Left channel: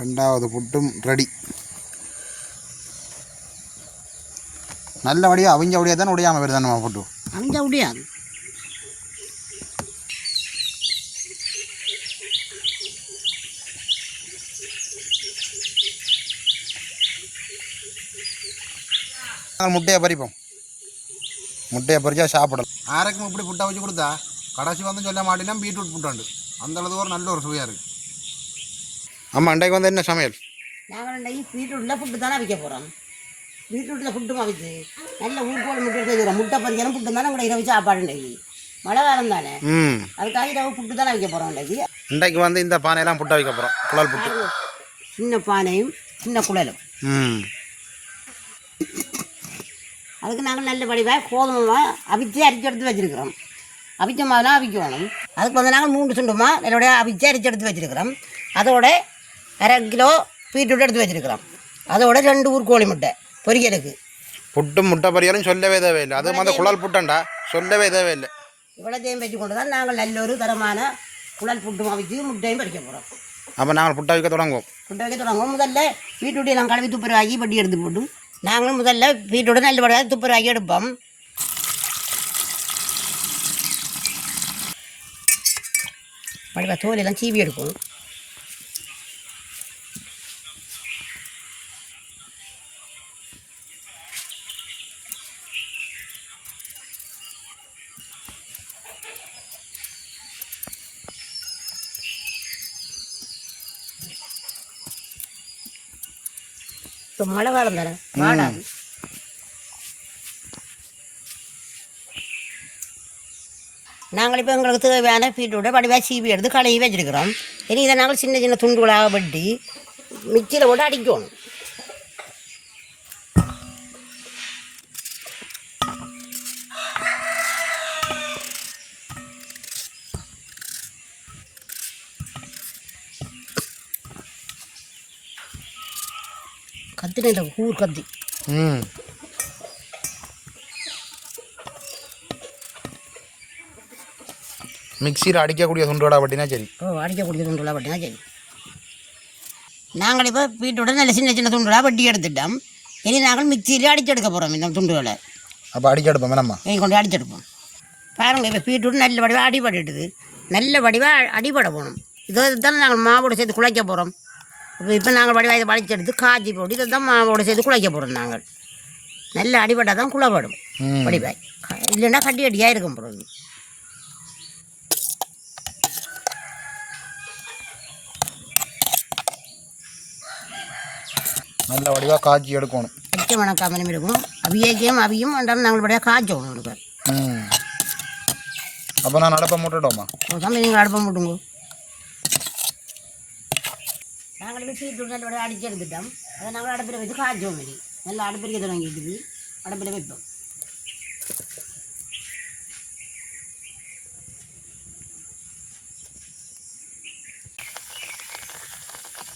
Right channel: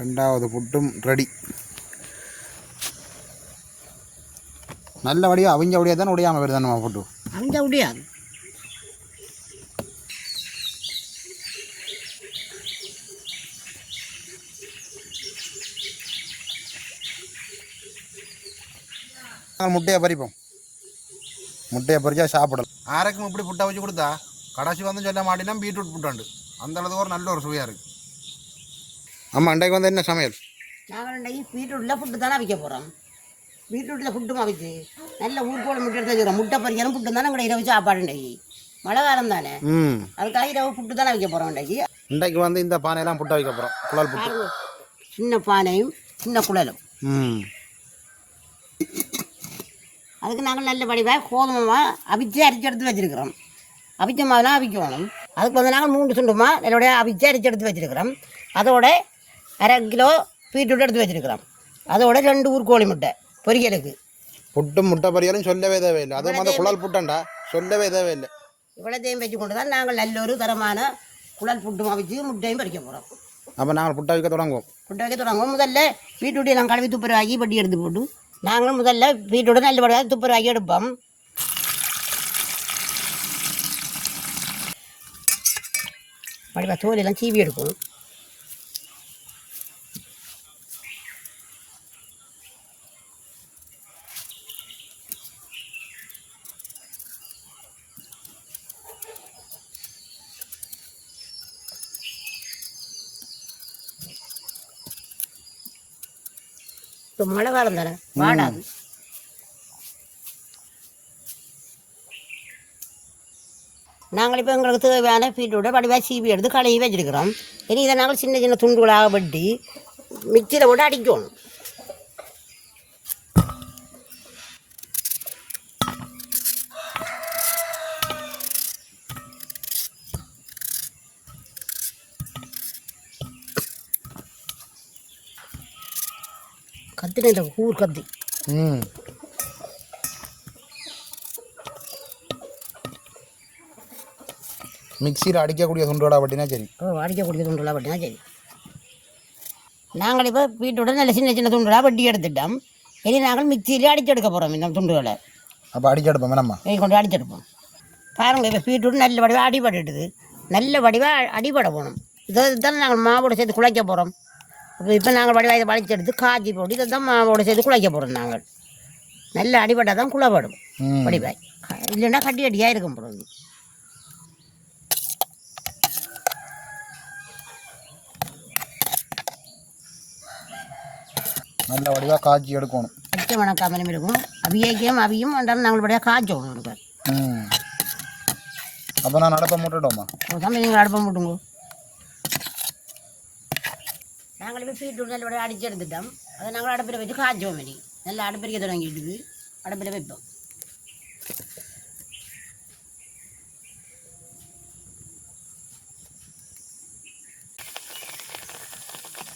ரெண்டாவது புட்டும் ரெடி நல்லபடியாக அவிஞ்சபடியாக தானே உடையாமல் வருது நம்ம புட்டு. முடியாது நாங்கள் முட்டையை பறிப்போம். முட்டையை பறிச்சா சாப்பிடலாம். ஆரைக்கும் இப்படி புட்டை வச்சு கொடுத்தா கடைசி வந்து சொல்ல மாட்டேன்னா பீட்ரூட் புட்டாண்டு. அந்த அளவுக்கு ஒரு நல்ல ஒரு சுவையாக இருக்குது ஆமாம் அன்றைக்கு வந்து என்ன சமையல்? நாங்கள் இன்றைக்கி பீட்ரூட்டில் புட்டு தானே வைக்க போகிறோம் பீட்ரூட்டில் புட்டு அவிச்சு நல்ல ஊர்கோடு முட்டை எடுத்து வைக்கிறோம் முட்டை பறிக்கணும் புட்டு தானே கூட இரவு சாப்பாடு இன்றைக்கி மழை காலம் தானே. ம். அதுக்காக இரவு புட்டு தானே வைக்க போகிறோம் இன்றைக்கி இன்றைக்கு வந்து இந்த பானையெல்லாம் புட்டை வைக்க போகிறோம் குழல் புட்டு. சின்ன பானையும் சின்ன குழலும். ம். அதுக்கு நாங்கள் நல்ல வடிவாக கோதுமை அவிச்சு அரிச்சு எடுத்து வச்சிருக்கிறோம். அவிச்ச மாவுலாம் அவிக்கணும். அதுக்கு வந்து நாங்கள் மூன்று சுண்டுமா இதோட அவிச்சு அரிச்சு எடுத்து வச்சிருக்கிறோம். அதோட அரை கிலோ பீட்ரூட் எடுத்து வச்சிருக்கிறோம். அதோட ரெண்டு ஊர் கோழி முட்டை பொரியலுக்கு. புட்டும் முட்டை பறியாலும் சொல்லவே தேவையில்லை. அதுவும் வந்து குழல் புட்டண்டா? சொல்லவே தேவையில்லை. இவ்வளோத்தையும் வச்சு கொண்டு தான் நாங்கள் நல்ல ஒரு தரமான குழல் புட்டு அவிச்சு முட்டையும் பறிக்க போகிறோம் அப்போ நாங்கள் புட்டை வைக்க தொடங்குவோம். புட்டை வைக்க தொடங்குவோம். முதல்ல பீட்ரூட்டை நாங்கள் கழுவி துப்புரவாக்கி பட்டி எடுத்து போட்டு நாங்களும் முதல்ல பீட்ரூட்டை நல்ல வடிவாக துப்புரவாக்கி எடுப்போம். வடிவா தோலெல்லாம் சீவி எடுக்கும் இப்போ மழை காலம் தானே? வாடாது. நாங்கள் இப்போ எங்களுக்கு தேவையான பீட்ரூட்டை வடிவாக சீவி எடுத்து கழுவி வச்சிருக்கிறோம். இனி இதை நாங்கள் சின்ன சின்ன துண்டுகளாக வெட்டி மிக்சியில் போட்டு அடிக்கணும். கத்தின இந்த ஊர் கத்தி. ம். மிக்சியில் அடிக்கக்கூடிய துண்டோட அப்படின்னா சரி. ஓ அடிக்கக்கூடிய துண்டுகளாக வெட்டினா சரி. நாங்கள் இப்போ பீட்ரூட்டை நல்ல சின்ன சின்ன துண்டுகளாக வெட்டி எடுத்துட்டோம். இனி நாங்கள் மிக்சியிலே அடிச்செடுக்க போகிறோம் இந்த துண்டுகளை அப்போ அடிக்க எடுப்போம் வேணாம்மா இனி கொண்டு அடிச்செடுப்போம். பாருங்கள் இப்போ பீட்ரூட் நல்ல வடிவாக அடிபட்டுட்டுது நல்ல வடிவாக அடிபட போகணும் இதை தான் நாங்கள் மாவோட சேர்த்து குழைக்க போகிறோம் இப்போ இப்போ நாங்கள் வடிவாக இதை வலிச்செடுத்து காய்ச்சி போட்டு இதை தான் மாவோட சேர்த்து குழைக்க போகிறோம் நாங்கள் நல்ல அடிபட்டால் தான் குழப்படும். வடிவாய் இல்லைன்னா கட்டி அடியாக இருக்கும் பொழுது நல்ல வடிவாக காய்ச்சி எடுக்கணும். மிச்சம் வணக்காமலும் இருக்கும் அவியக்கையும் அவியும் என்றாலும் நாங்கள் வழியாக காய்ச்சோம் இருக்கும் ம். அப்போ நான் நடப்ப முட்டுட்டோமா? சமையல் நீங்கள் அடுப்பை போட்டுங்க நாங்கள் பீட்ரூட் நல்ல அடிச்செடுத்துட்டோம் அதை நாங்கள் அடுப்பில் வச்சு காய்ச்சோம் இனி நல்லா அடுப்பிரிக்க தொடங்கிட்டு அடுப்பில் வைப்போம்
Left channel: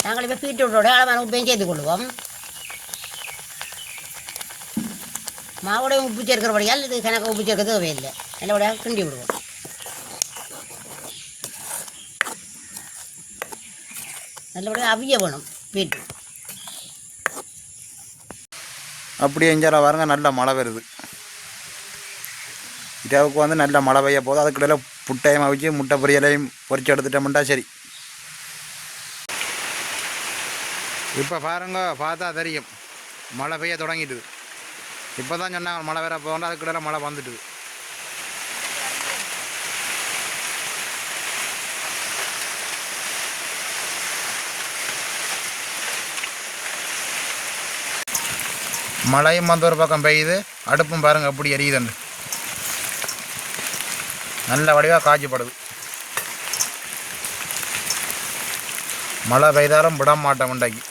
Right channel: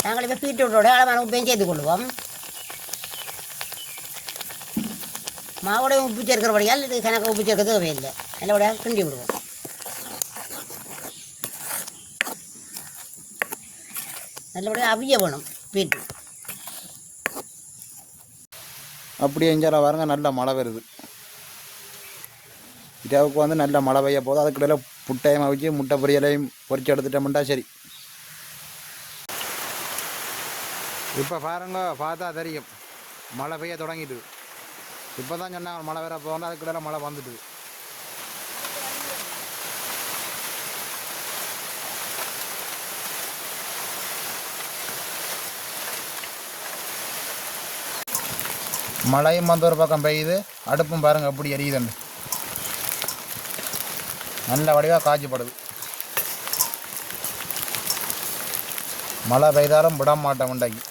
நாங்கள் இப்போ பீட்ரூட்டோட அளவான உப்பையும் சேர்த்து கொள்வோம் மாவோட உப்பு சேர்க்கிறபடியால் இது கணக்கு உப்பு சேர்க்க தேவையில்லை நல்லபடியாக கிண்டி விடுவோம் நல்லபடியாக அவிய வேணும் பீட்ரூட் அப்படியே இஞ்சால பாருங்க நல்ல மழை வருது. இரவுக்கு வந்து நல்ல மழை பெய்ய போகுது. அதுக்கிடையில புட்டையும் அவிச்சு முட்டை பொரியலையும் பொரிச்சு எடுத்துட்டோம்ட்டா சரி. இப்போ பாருங்க பார்த்தா தெரியும். மழை பெய்ய தொடங்கிட்டுது. இப்போ தான் சொன்னாங்க மழை வேற போகணும் அதுக்கிடையில மழை வந்துட்டுது. மழையும் வந்து ஒரு பக்கம் பெய்யுது அடுப்பும் பாருங்க எப்படி எரியுதுன்னு. நல்ல வடிவாக காய்ச்சப்படுது மழை பெய்தாலும் விட மாட்டோம் இன்றைக்கு.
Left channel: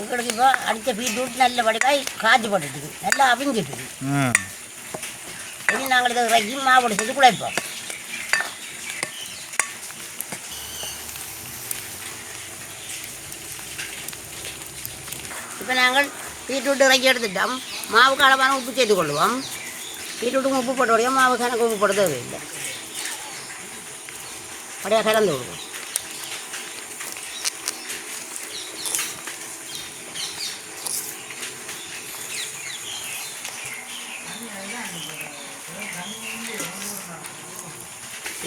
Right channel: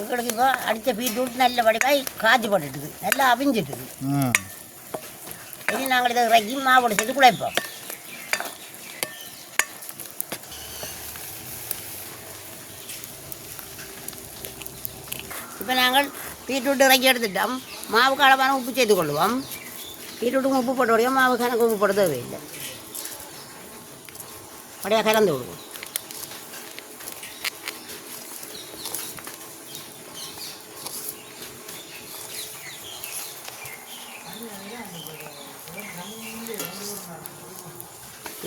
எங்களுக்கு அடித்த பீட்ரூட் நல்ல வடிவாய் காய்ச்சி போட்டுட்டுது நல்லா அவிஞ்சிட்டுது ம் இனி நாங்கள் இதை குழைப்போம் இப்போ. நாங்கள் பீட்ரூட்டு இறக்கி எடுத்துட்டோம். மாவுக்கு அளவான உப்பு சேர்த்து கொள்ளுவோம். பீட்ரூட்டுக்கும் உப்பு போட்ட உடனே மாவு கணக்கு உப்பு போட தேவையில்லை. அப்படியே கலந்து விடுவோம்.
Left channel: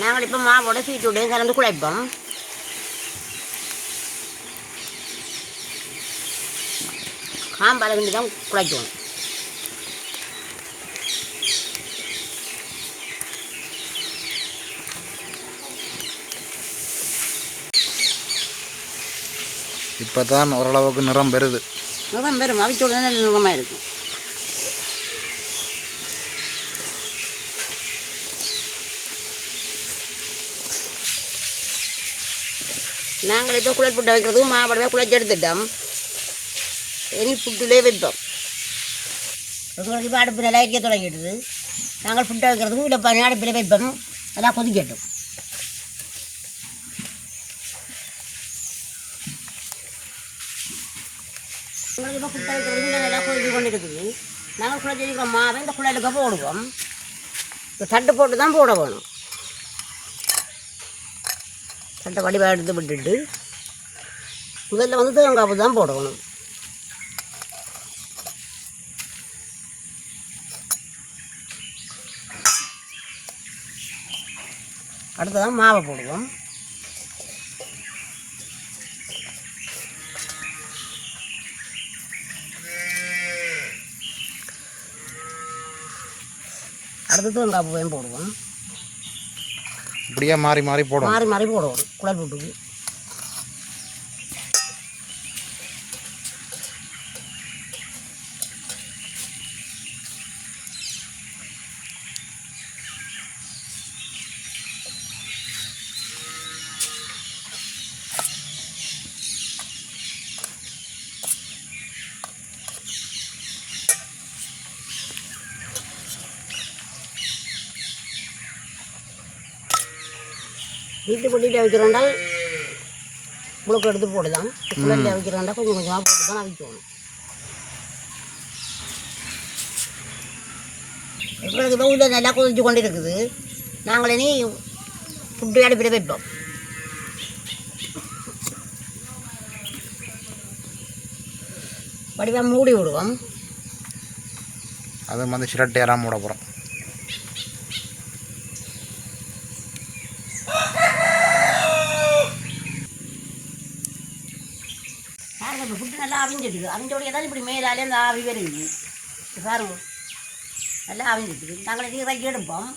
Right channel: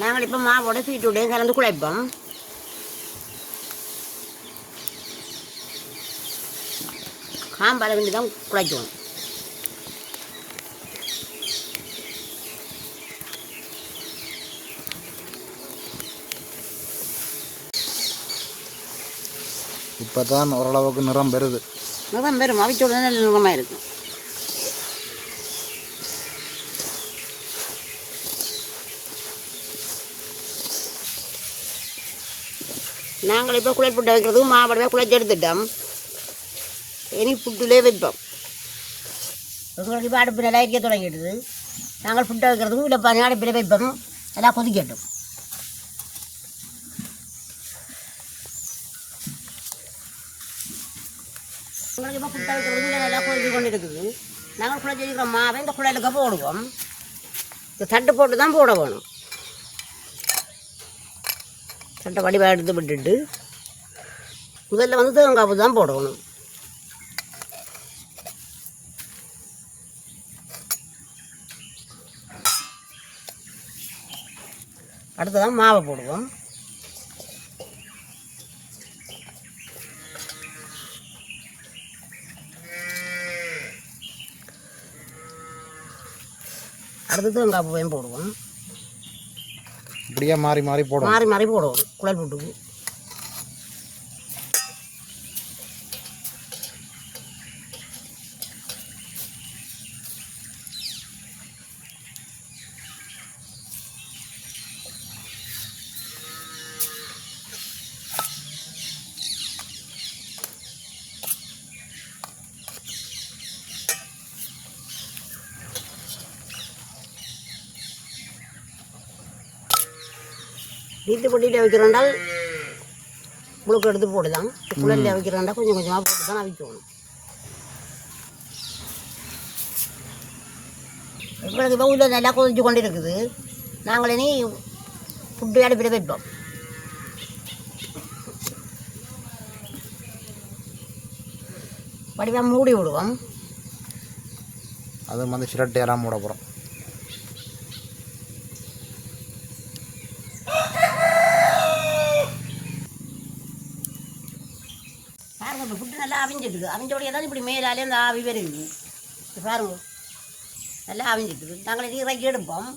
நாங்கள் இப்போ மாவோட பீட்ரூட்டையும் கலந்து குழைப்போம் காம்பால் இருந்து தான் குழைக்கணும் இப்போ தான் ஓரளவுக்கு நிறம் பெறுது நிறம் பெரும் அவிச்ச உடனே நல்ல நிறமாக இருக்கும் நாங்கள் இப்போ குழல் புட்டை வைக்கிறதுக்கு மாவடவே குழச்சி எடுத்துட்டோம். இனி புட்டிலே வைப்போம். எங்களுக்கு இப்போ அடுப்பில் வைக்க தொடங்கிடுது. நாங்கள் புட்டை வைக்கிறதுக்கும் இல்லை பனி அடுப்பில் வைப்போம். நல்லா கொதிக்கட்டும். எங்களுக்கு இப்போ புட்டை வைக்கிறது இல்லை நல்லா கொதிச்சு கொண்டு இருக்குது நாங்கள் குழச்சி மாவை இந்த குழலுக்கு போடுவோம். இந்த தட்டு போட்டு தான் போட வேணும். சட்டை வடிவாக எடுத்து விட்டுட்டு முதல்ல வந்து தேங்காய் தான் போடணும். அடுத்ததான் மாவை போடுவோம். அடுத்தது தேங்காய் பூவையும் போடுவோம். இப்படியே மாறி மாறி போடும் மாறி மாறி போடுவோம். குழல் போட்டு வீட்டு பொட்டியில் வைக்கிறோண்டா முழுக்க எடுத்து போட்டுதான். குழந்தை வைக்கிறோண்டா கொஞ்சம் கொஞ்சமாக போட்டு தான் அவிக்கணும் எங்களுக்கு இப்போ நல்லா கொதிச்சு கொண்டு இருக்குது. நாங்கள் இனி ஃபுட்டு அடுப்பில் வைப்போம். வடிவாக மூடி விடுவோம். அது வந்து சிரட்டையெல்லாம் மூட போகிறோம் பாருங்க இப்போ அவிஞ்சிடுது அவிஞ்சோடைய தான் இப்படி மேலாலே அந்த ஆவி வருது பாருங்க நல்லா அவிஞ்சிடுது நாங்கள் இறக்கி எடுப்போம்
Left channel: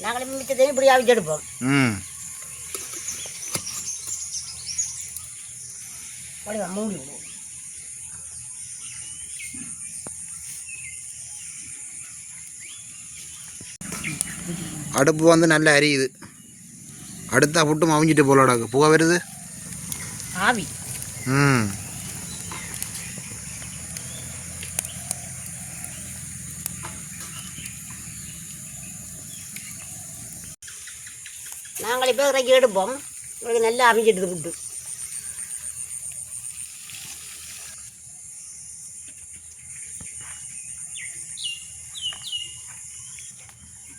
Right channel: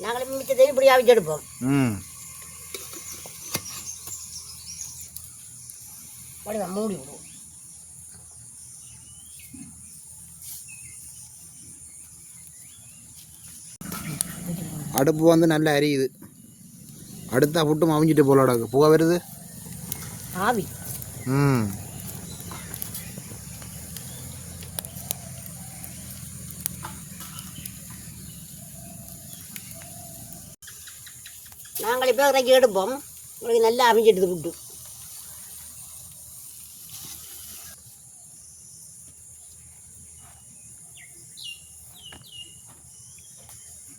நாங்கள் மிச்சத்தையும் இப்படி அவிச்சு எடுப்போம் மூடி அடுப்பு வந்து நல்லா அரியுது அடுத்தா புட்டும் அவிஞ்சிட்டு போலடாக்கு புகை வருது? ஆவி. ம். நாங்கள் இப்போ இறக்கி எடுப்போம். உங்களுக்கு நல்லா அவிஞ்சிடுது ஃபுட்டு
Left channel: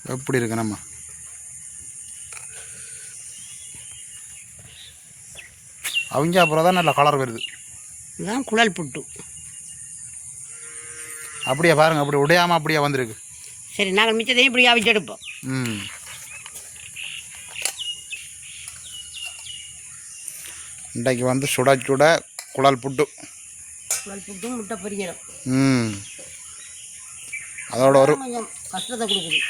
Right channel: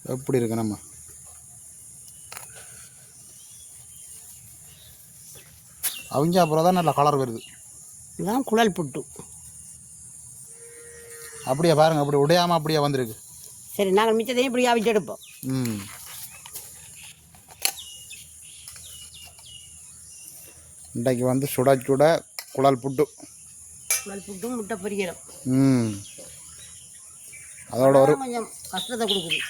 எப்படி இருக்கு நம்ம? அவிஞ்சா அப்புறம் தான் நல்ல கலர் வருது. இதுதான் குழல் புட்டு. அப்படியே பாருங்க அப்படி உடையாமல் அப்படியே வந்திருக்கு. சரி நாங்கள் மிச்சத்தையும் இப்படி அவிச்சு எடுப்போம். ம். இன்றைக்கு வந்து சுட சுட குழல் புட்டு. குழல் புட்டும் முட்டை பொரிக்கிறோம் ம். அதோட ஒரு கொஞ்சம் கஷ்டத்தை கொடுக்குது.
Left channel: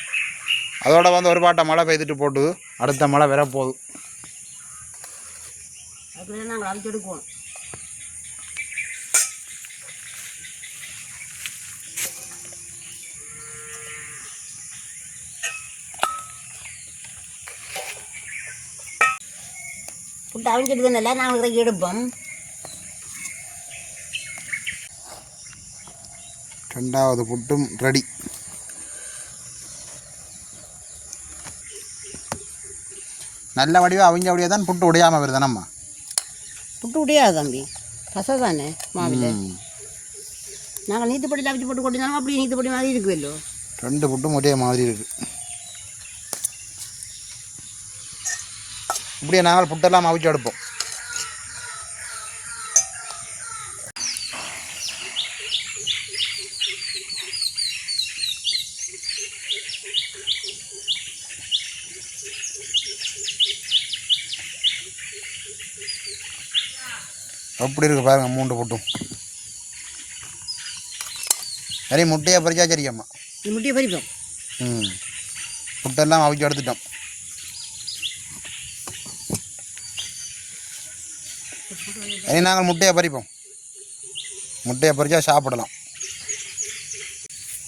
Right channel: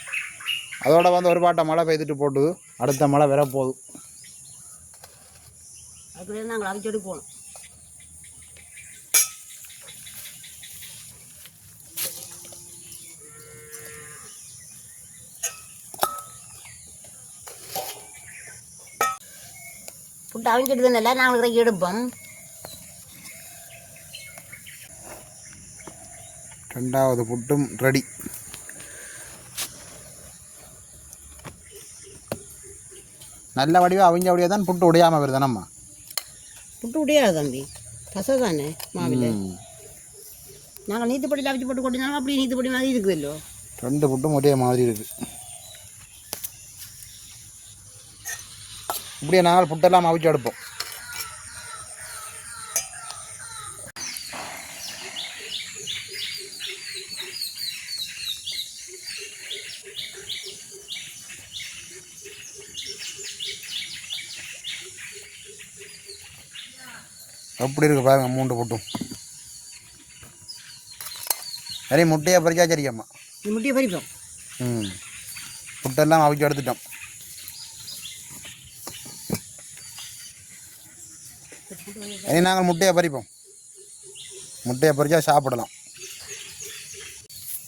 அதோட வந்து ஒரு பாட்டை மழை பெய்துட்டு போட்டு அடுத்த மழை வரப்போகுது. அதுக்குள்ளே நாங்கள் அவிச்சு எடுப்போம் புட்டு அவிஞ்சிட்டு நல்லா நாங்கள் தான் எடுப்போம் ரெண்டாவது புட்டும் ரெடி நல்ல வடிவம் அவங்க வடிவாக தான் புட்டு உடையாமல் வருது நம்ம புட்டு முடியாது தம்பி. பசை தானே மாவில். நாங்கள் நீத்துப்படியில் அவிச்சு போட்டு கொட்டினாலும் அப்படியே நீத்துப்படி மாதிரி இருக்குவல்லோ ரெண்டு புட்டும் ஒரே மாதிரி இருக்கு. இப்படியே நாங்கள் புட்டெல்லாம் அவிச்சு எடுப்போம் எப்படி இருக்கு பாருங்க மூன்று புட்டும். சரி முட்டையை பறிச்சா சரியாம்மா. இது முட்டையை பறிப்போம். ம். புட்டெல்லாம் அவிச்சு எடுத்துட்டோம். இனி நாங்கள் முட்டையை பறிப்போம். முட்டையை பறிச்சா சாப்பிடலாம்.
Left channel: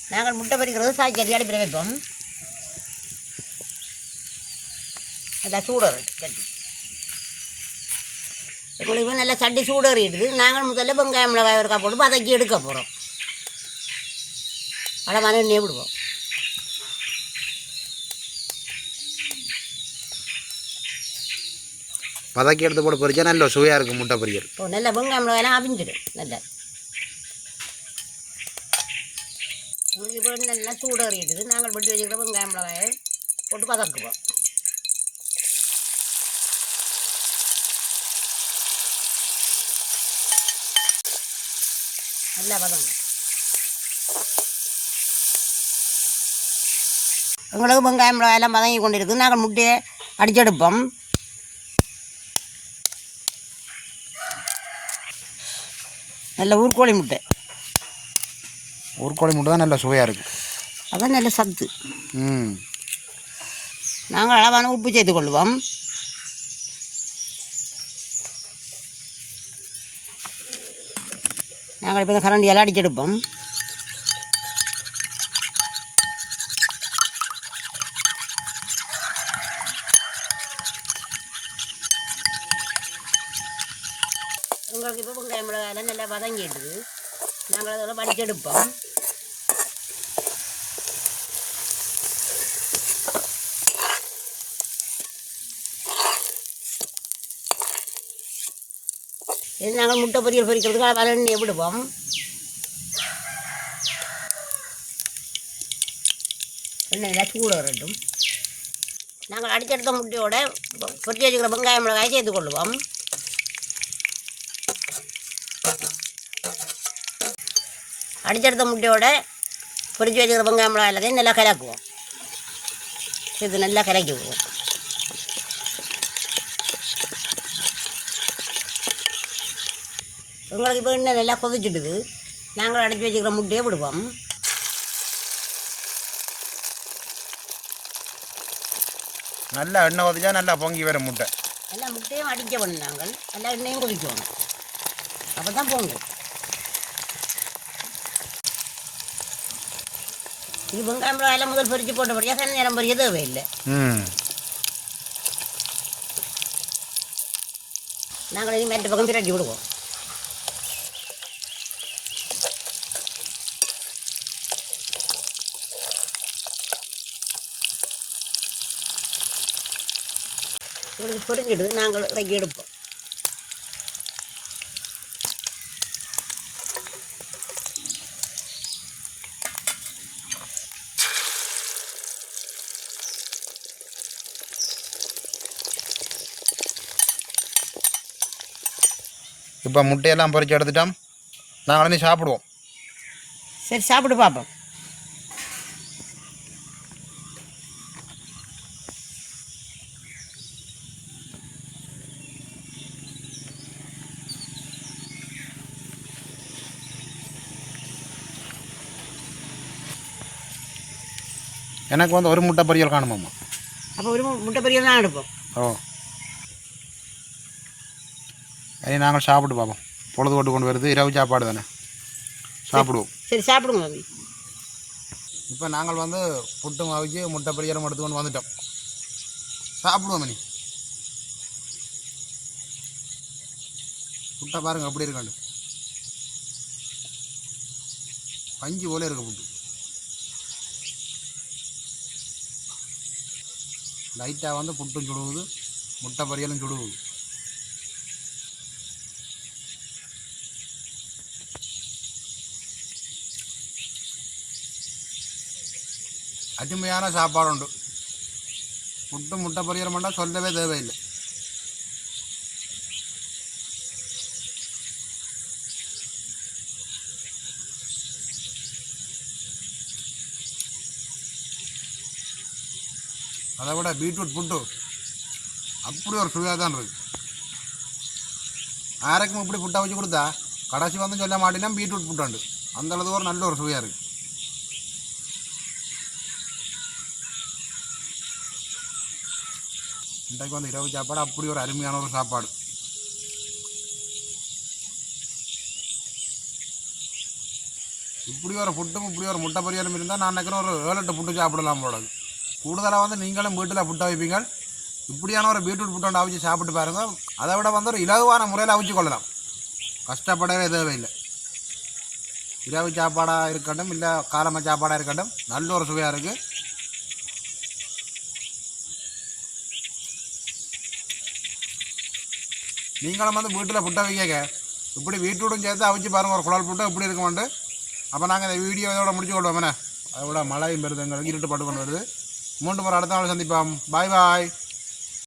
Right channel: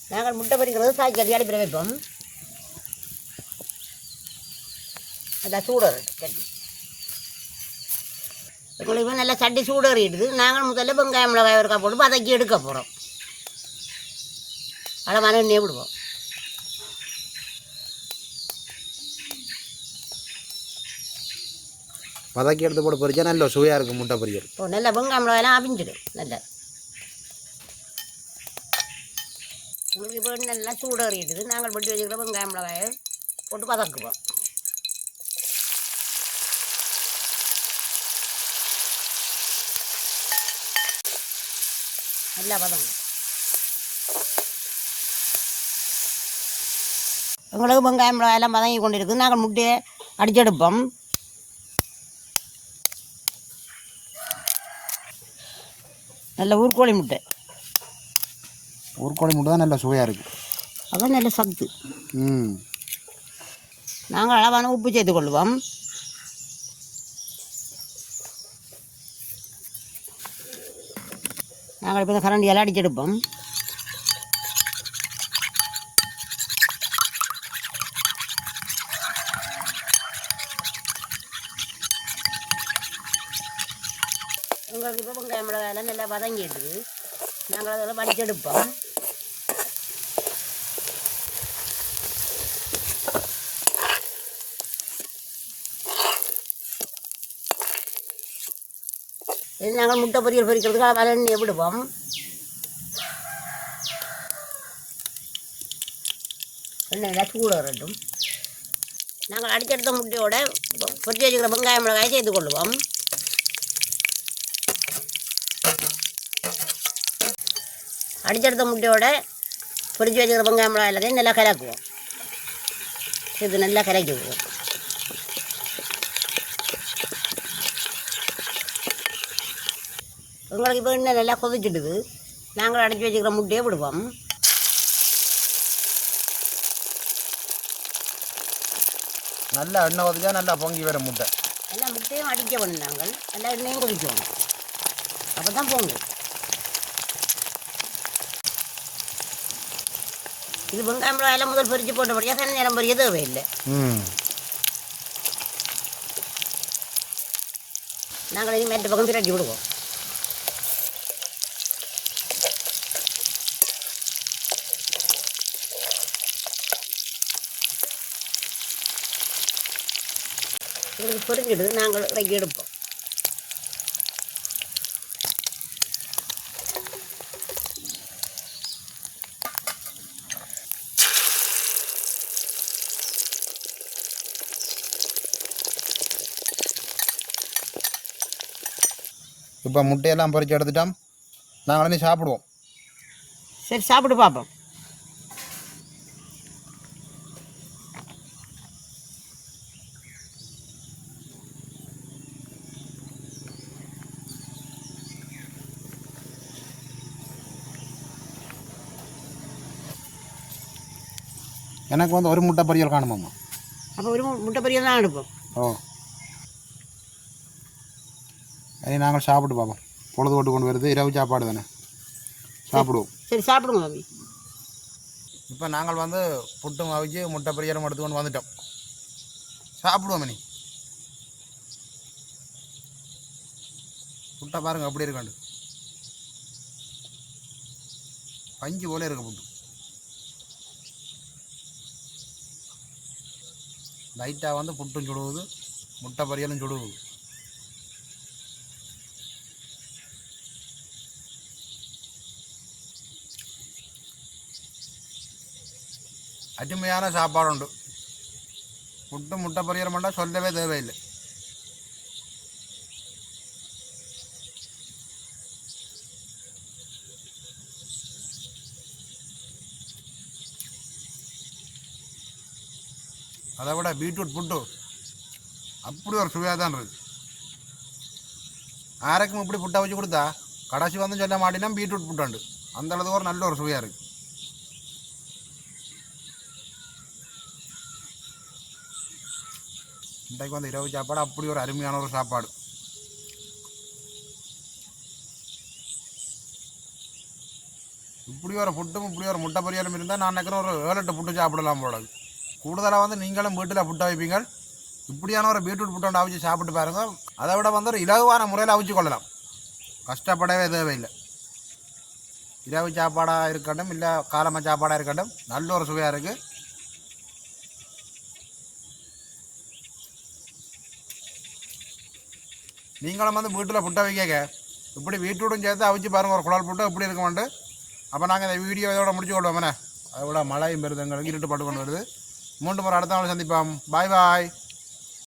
நாங்கள் முட்டை பறிக்கிறது சாய்ச்சி அடிப்பிட வைப்போம். நல்லா சூடறு சட்டி உங்களுக்கு நல்லா சட்டி சூடறிடுது நாங்கள் முதல்ல வெங்காயம் மிளகாய் இருக்கா போட்டு வதக்கி எடுக்க போகிறோம் அளவான எண்ணெய் விடுவோம். வதக்கி எடுத்து போட்டு பறிச்சா நல்ல சுவையாக இருக்கும் முட்டை பொரியல். இப்போ நல்லா வெங்காயம் மிளகாயெல்லாம் அவிஞ்சிடும். நல்லா. உங்களுக்கு நல்லா சூடறிடுது நாங்கள் பட்டி வச்சுக்கிற வெங்காயம் மிளகாயை போட்டு வதக்குவோம். நல்லா வதங்க உங்களுக்கு வெங்காயம் மிளகாய் எல்லாம் வதங்கி கொண்டு இருக்குது நாங்கள் முட்டையை அடிச்செடுப்போம். நல்ல ஊர்கோழி முட்டை. ஊர்கோழி முட்டை தான் நல்ல சுவையாக இருக்குது அதான் நல்ல சத்து. ம். நாங்கள் அளவான உப்பு சேர்த்து கொள்வோம் நாங்கள் இப்போ இந்த கரண்டியெல்லாம் அடிச்செடுப்போம் உங்களுக்கு இப்போ வெங்காயம் மிளகாயெல்லாம் நல்லா வதங்கிடுது நாங்கள் அதெல்லாம் வடிச்செடுப்போம் இது நாங்கள் முட்டை பொரியல் பொரிக்கிறதுக்கு வர எண்ணெயை விடுவோம். எண்ணெயில் சூடு வரட்டும். நாங்கள் அடிச்செடுத்த முட்டையோட கொத்தி வச்சுக்கிற வெங்காயம் மிளகாயை சேர்த்து கொள்ளுவோம். அடிச்செடுத்த முட்டையோட பொரிச்சு வச்சுக்கிற வெங்காயம் மிளகாய் எல்லாத்தையும் நல்லா கலக்குவோம். இது நல்லா கலக்கி விடுவோம் உங்களுக்கு இப்போ இன்னும் நல்லா கொதிச்சுடுது நாங்கள் அடித்து வச்சுக்கிற முட்டையை விடுவோம் நல்லா எண்ணெய் ஊற்றிச்சா நல்லா பொங்கி வரும் முட்டை. எல்லா முட்டையும் அடிக்க வேணும் நாங்கள். எல்லா எண்ணெயும் குடிக்கணும் அப்போ தான் போங்க இது வெங்காயம் மிளகாயெல்லாம் முதல் பொரிச்சு போட்டபடியாக தண்ணி நேரம் பொரிய தேவையில்லை. நாங்கள் இனி மேட்டு பக்கம் திரட்டி விடுவோம். பொரிஞ்சிடுது நாங்கள் இறக்கி எடுப்போம். இப்போ முட்டையெல்லாம் பொரிச்சு எடுத்துட்டோம். நாங்கள் வந்து சாப்பிடுவோம். சரி சாப்பிட்டு பார்ப்போம். எனக்கு வந்து ஒரு முட்டை பொரியல் காணுமாம்மா. அப்போ ஒரு முட்டை பொரியல் தான் எடுப்போம். ஓ. இனி நாங்கள் சாப்பிட்டு பார்ப்போம் பொழுது போட்டு கொண்டு வருது. இரவு சாப்பாடு தானே. சாப்பிடுவோம். சரி சாப்பிடுங்க தம்பி இப்போ நாங்கள் வந்து புட்டு மாவிக்கு முட்டை பொரியலும் எடுத்துக்கொண்டு வந்துட்டோம். சாப்பிடுவோம் மணி முட்டை பாருங்க எப்படி இருக்காண்டு பஞ்சு போல இருக்கு புட்டு. லைட்டாக வந்து புட்டும் சுடுவது முட்டை பொரியலும் சுடுவது. அருமையான சாப்பாடு உண்டு. புட்டு முட்டை பொரியல் மட்டும் சொல்லவே தேவையில்லை. அதை விட பீட்ரூட் புட்டு. அப்படி ஒரு சுவையாக தான் இருக்குது ஆரைக்கும் இப்படி புட்டை வச்சு கொடுத்தா கடைசி வந்து சொல்ல மாட்டேன்னா பீட்ரூட் புட்டாண்டு. அந்த அளவுக்கு ஒரு நல்ல ஒரு சுவையாக இருக்குது இன்றைக்கு வந்து இரவு சாப்பாடு அப்படி ஒரு அருமையான ஒரு சாப்பாடு. இப்படி ஒரு ஃபுட்டும் இப்படி ஒரு முட்டை பொரியலும் இருந்தால் நான் நினைக்கிறேன் ஒரு ஏழு எட்டு ஃபுட்டு சாப்பிடலாம் போல கூடுதலாக வந்து நீங்களும் வீட்டில் புட்டை வைப்பீங்க. இப்படியான ஒரு பீட்ரூட் புட்டை அவிச்சு சாப்பிட்டு பாருங்கள் அதை விட வந்து ஒரு இலகுவான முறையில் அவிச்சு கொள்ளலாம். கஷ்டப்படவே இல்லை இரவு சாப்பாடாக இருக்கட்டும் இல்லை காலம சாப்பாடாக இருக்கட்டும் நல்ல ஒரு சுவையாக இருக்குது நீங்களும் வந்து வீட்டில் புட்டை வைக்க இப்படி வீட்டோடும் சேர்த்து அவிச்சு பாருங்கள் ஒரு குழல் புட்டை இப்படி இருக்குமாண்டு அப்போ நாங்கள் இந்த வீடியோ இதோட முடிச்சு கொள்வோம் என்ன? அதோட மழை மிருதங்கள் எங்களுக்கு இருட்டு பட்டு கொண்டு வருது. மூன்று முறை அடுத்த நாள் சந்திப்போம். பாய் பாய்